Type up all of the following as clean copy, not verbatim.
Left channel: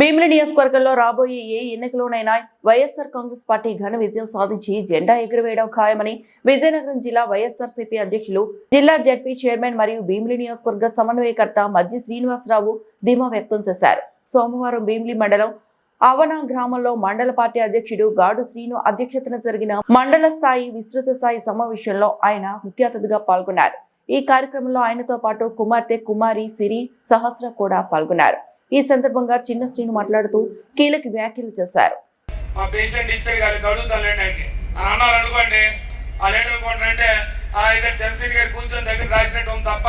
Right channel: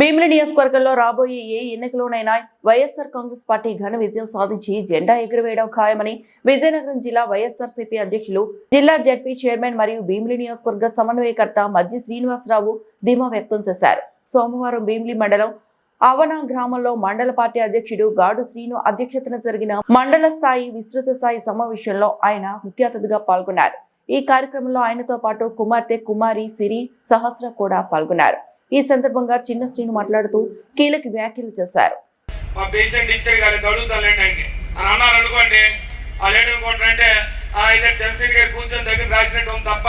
భీమిలి నియోజకవర్గంలో రాబోయే ఏ ఎన్నికలోనైనా వైఎస్ఆర్ కాంగ్రెస్ పార్టీ ఘన విజయం సాధించి జెండా ఎగురవేయడం ఖాయమని విజయనగరం జిల్లా వైఎస్ఆర్సీపీ అధ్యక్షులు జిల్లా జడ్పీ చైర్మన్ మరియు భీమిలి నియోజకవర్గ సమన్వయకర్త మధ్య శ్రీనివాసరావు ధీమా వ్యక్తం చేశారు. సోమవారం భీమిలి మండలం అవనా గ్రామంలో మండల పార్టీ అధ్యక్షుడు గాడు శ్రీను అధ్యక్షతన జరిగిన మండల స్థాయి విస్తృత స్థాయి సమావేశంలో ఆయన ముఖ్య అతిథిగా పాల్గొన్నారు. ఈ కార్యక్రమంలో ఆయనతో పాటు కుమార్తె కుమారి సిరి సహస్ర కూడా పాల్గొన్నారు. ఈ సందర్భంగా చిన్న శ్రీను మాట్లాడుతూ కీలక వ్యాఖ్యలు చేశారు. మా పేషెంట్ ఇచ్చారు కానీ అడుగుతానండి అని అన్నారు అనుకోండి. అదేంటంటే చంద్రశేఖర్ గారు కూర్చొని దగ్గర రాసినట్టు తప్ప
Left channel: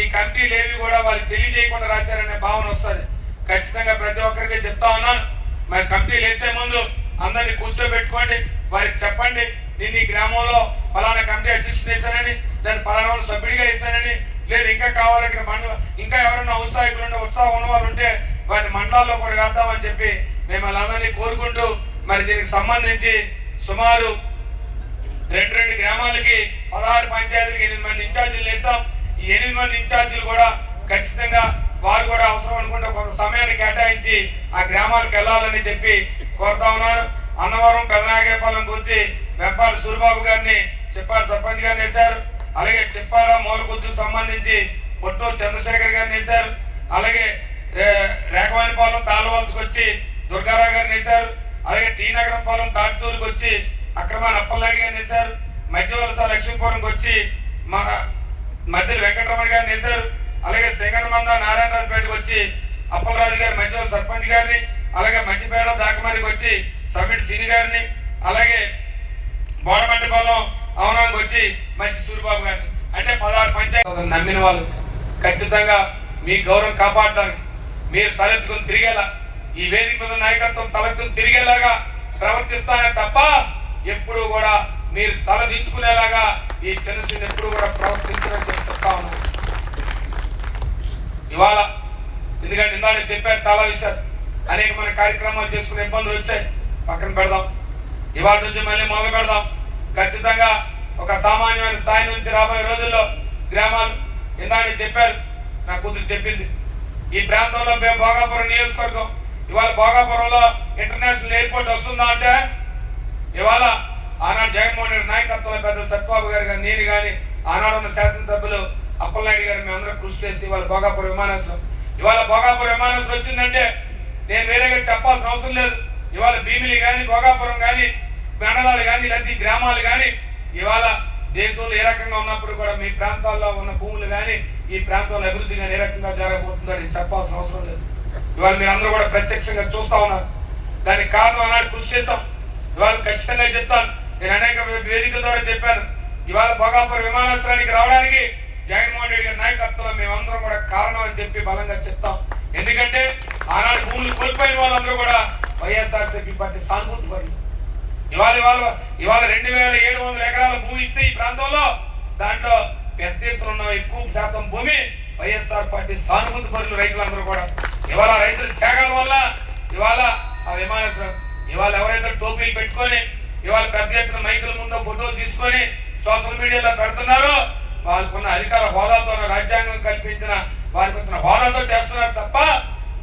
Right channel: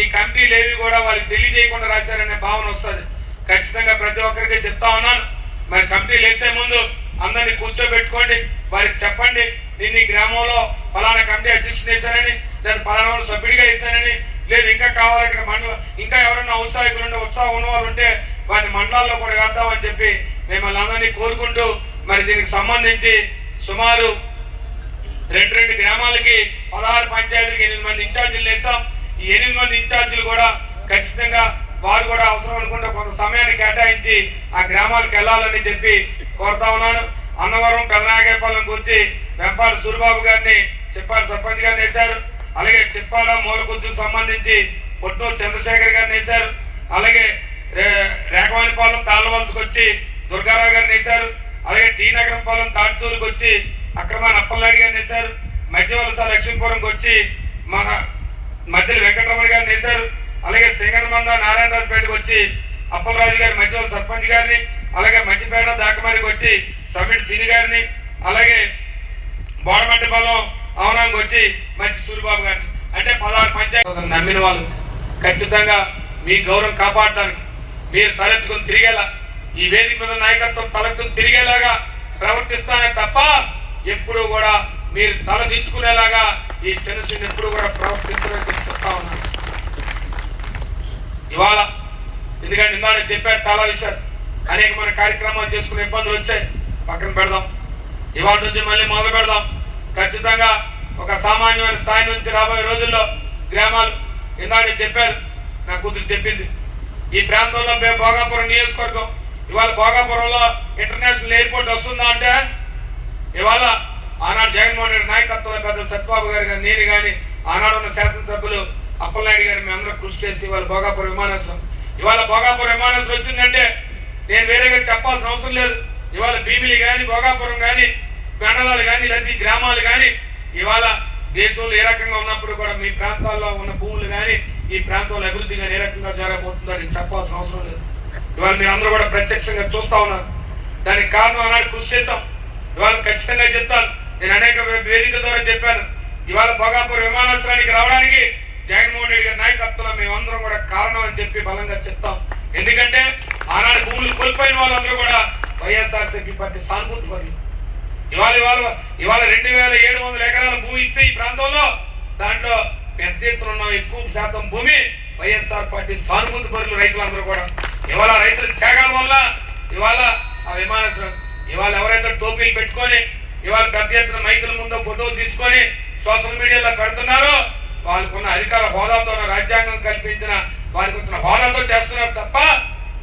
ఈ కమిటీలు ఏవి కూడా వాళ్ళకి తెలియజేయకుండా రాశారనే భావన వస్తుంది. ఖచ్చితంగా ప్రతి ఒక్కరికి చెప్తా ఉన్నాను. మరి కమిటీలు వేసే ముందు అందరినీ కూర్చోబెట్టుకోండి, వారికి చెప్పండి నేను ఈ గ్రామంలో ఫలానా కమిటీ అధ్యక్షుడు వేశానని, లేదా ఫలానా సభ్యుడిగా వేశానని, లేదు ఇంకా కావాలంటే మండలం ఇంకా ఎవరైనా ఉత్సాహకులు ఉంటే ఉత్సాహం ఉన్నవారు ఉంటే వారిని మండలాల్లో కూడా వేద్దామని చెప్పి మిమ్మల్ని అందరినీ కోరుకుంటూ మరి దీనికి సంబంధించి సుమారు రెండు గ్రామాలకి 16 పంచాయతీలకి 8 మంది ఇన్ఛార్జీలు వేసాం. ఈ 8 మంది ఇన్ఛార్జీలు కూడా ఖచ్చితంగా వారు కూడా అవసరం అనుకుంటే కొంత సమయాన్ని కేటాయించి ఆ గ్రామాలకు వెళ్ళాలని చెప్పి కోరుతా ఉన్నాను. అన్నవరం పెదనాగేపాలెంకి వచ్చి వెంపాల సూరిబాబు గారిని చెప్పాలి సర్పంచ్ గారిని వేశారు. అలాగే చెప్పాల మూలకొద్దుకు సంబంధించి పొట్నూరు చంద్రశేఖర్ గారిని వేశారు. అలాగే రేఖవానిపాలెం తాళ్ళవలసకు వచ్చి దుర్గారావు గారిని వేశారు. అలాగే టీ నగరంపాలెం తాటితూరుకు వచ్చి అక్రమాన్ అప్పలనాయుడు గారిని వేశారు. మధ్యవలస లక్ష్మీపురంకి వచ్చి మన మధ్యలో వెంకటరమణ గారిని వేశారు. అలాగే సింగనమంద నారాయణరాజుపేటకు వచ్చి అప్పలరాజు గారి మధ్యవల సర్పంచ్ గారిని, అలాగే మధ్యపేట దాకమరికి వచ్చి సమిట్ సిని గారిని, అలాగే బోడమట్టిపాలెం అవనానికి వచ్చి మంచి సూరిబాబు గారిని, అంటే 16 పంచాయతీ నమ్మిన వాళ్ళు ఖచ్చితంగా మీ గౌరవం కాపాడటానికి మీరు తలెత్తుకుని తిరిగేలా ఈ వేదిక మీద నాయకత్వం తలెత్తుకుని తిరిగేలాగా ప్రవర్తిస్తానే తప్ప ఎప్పుడు కూడా మీరు తల దించుకునేలాగా ఈ చిన్నసీని ఎప్పుడు కూడా ప్రవర్తించడం చెప్తా ఉన్నాను. ఇవాళ ఎందుకంటే ఇందాక చెప్పారు చాలా విషయాలు, అనేక మన కార్యక్రమాలు చేసుకునే ఇబ్బందులు వచ్చాయి, పక్కన పెడదాం. ఇవాళ నుంచి మళ్ళీ మొదలు పెడదాం. ఖచ్చితంగా ఒక సామాన్యమైన స్థాయి నుంచి రాబోయే రోజుల్లో గ్రామాలు ఇందాక చెప్పారు, నా కూతురు చెప్పింది, ఈ ప్రాంతంలో భోగాపురం నియోజకవర్గం ఇవాళ భోగాపురంలో ఇంటర్నేషనల్ ఎయిర్పోర్ట్ వస్తుందా అంటే ఇవాళ ఆనాడు జగన్మోహన్ రెడ్డి నాయకత్వంలో పెద్దలు సత్యబాబు గారు కానీ నేను కానీ ఆనాడు ఉన్న శాసనసభ్యులు అప్పలనాయుడు గారు మేమందరం కృషి చేసి ఇవాళ భోగాపురం విమానాశ్రయం ఇవాళ భోగాపురం విమానాశ్రయం వచ్చిందంటే నేను వేరేగా చెప్పాల్సిన అవసరం లేదు. ఇవాళ భీమిలి కానీ భోగాపురం కానీ మండలాలు కానీ ఇలాంటి గ్రామాలు కానీ ఇవాళ దేశంలో ఏ రకంగా ఉన్నప్పుడు కూడా మీ ప్రాంతాల్లో ఉన్న భూములు కానీ ఈ ప్రాంతంలో అభివృద్ధి కానీ ఏ రకంగా జరగబోతుందో నేను చెప్పాల్సిన అవసరం లేదు. ఇవాళ మీరు అందరూ కూడా ప్రత్యక్షంగా చూస్తా ఉన్నారు. దానికి కారణం అన్నాడు కృషి చేశాం. ఇవాళ ఖచ్చితంగా చెప్తాను, నేను అనేక వేదికల ద్వారా చెప్పాను. ఇవాళ భోగాపురం విమానాశ్రయానికి రావడానికి జగన్మోహన్ రెడ్డి గారి నాయకత్వంలో మేమందరం కూడా కారణం అని చెప్పి బలంగా చెప్తాం. ఎందుకంటే ఆనాడు భూములు కోల్పోయిన వాళ్ళందరూ కూడా వైఎస్ఆర్సీపీ పార్టీ సానుభూతి పరులు. ఇవాళ 2700 ఎకరాల భూమి ఇస్తే ఈ ప్రాంతంలో దాంట్లో పెద్ద ఎత్తున ఉన్న ఎక్కువ శాతం భూమి వైఎస్ఆర్ పార్టీ సానుభూతి పరులు రైతులందరూ కూడా. ఇవాళ రైతుల త్యాగాల వల్ల ఇవాళ ఆ విమానాశ్రయం ఇవాళ ఎవరైతే టోపీలు పెట్టుకొని ఇవాళ పెద్ద ఎత్తున మైకుల ముందు ఫోటోలు తీసుకొని సోషల్ మీడియాలో పెడుతున్నారో వాళ్ళకున్న అధికార హోదాతో రాజ్యాంగం కల్పించిన వారికి వచ్చిన హోదాతో చేస్తున్నారు తప్ప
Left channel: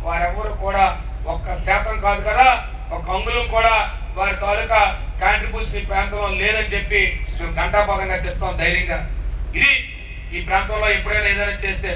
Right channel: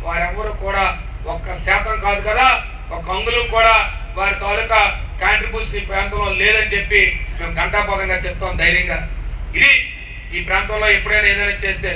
వారెవరు కూడా 1% కాదు కదా, 1 అంగుళం కూడా వారి తాలూకా కాంట్రిబ్యూషన్ ఈ ప్రాంతంలో లేదని చెప్పి మేము ఘంటాపదంగా చెప్తాం ధైర్యంగా. ఇది ఈ ప్రాంతంలో ఎప్పుడైనా ఏదైనా చేస్తే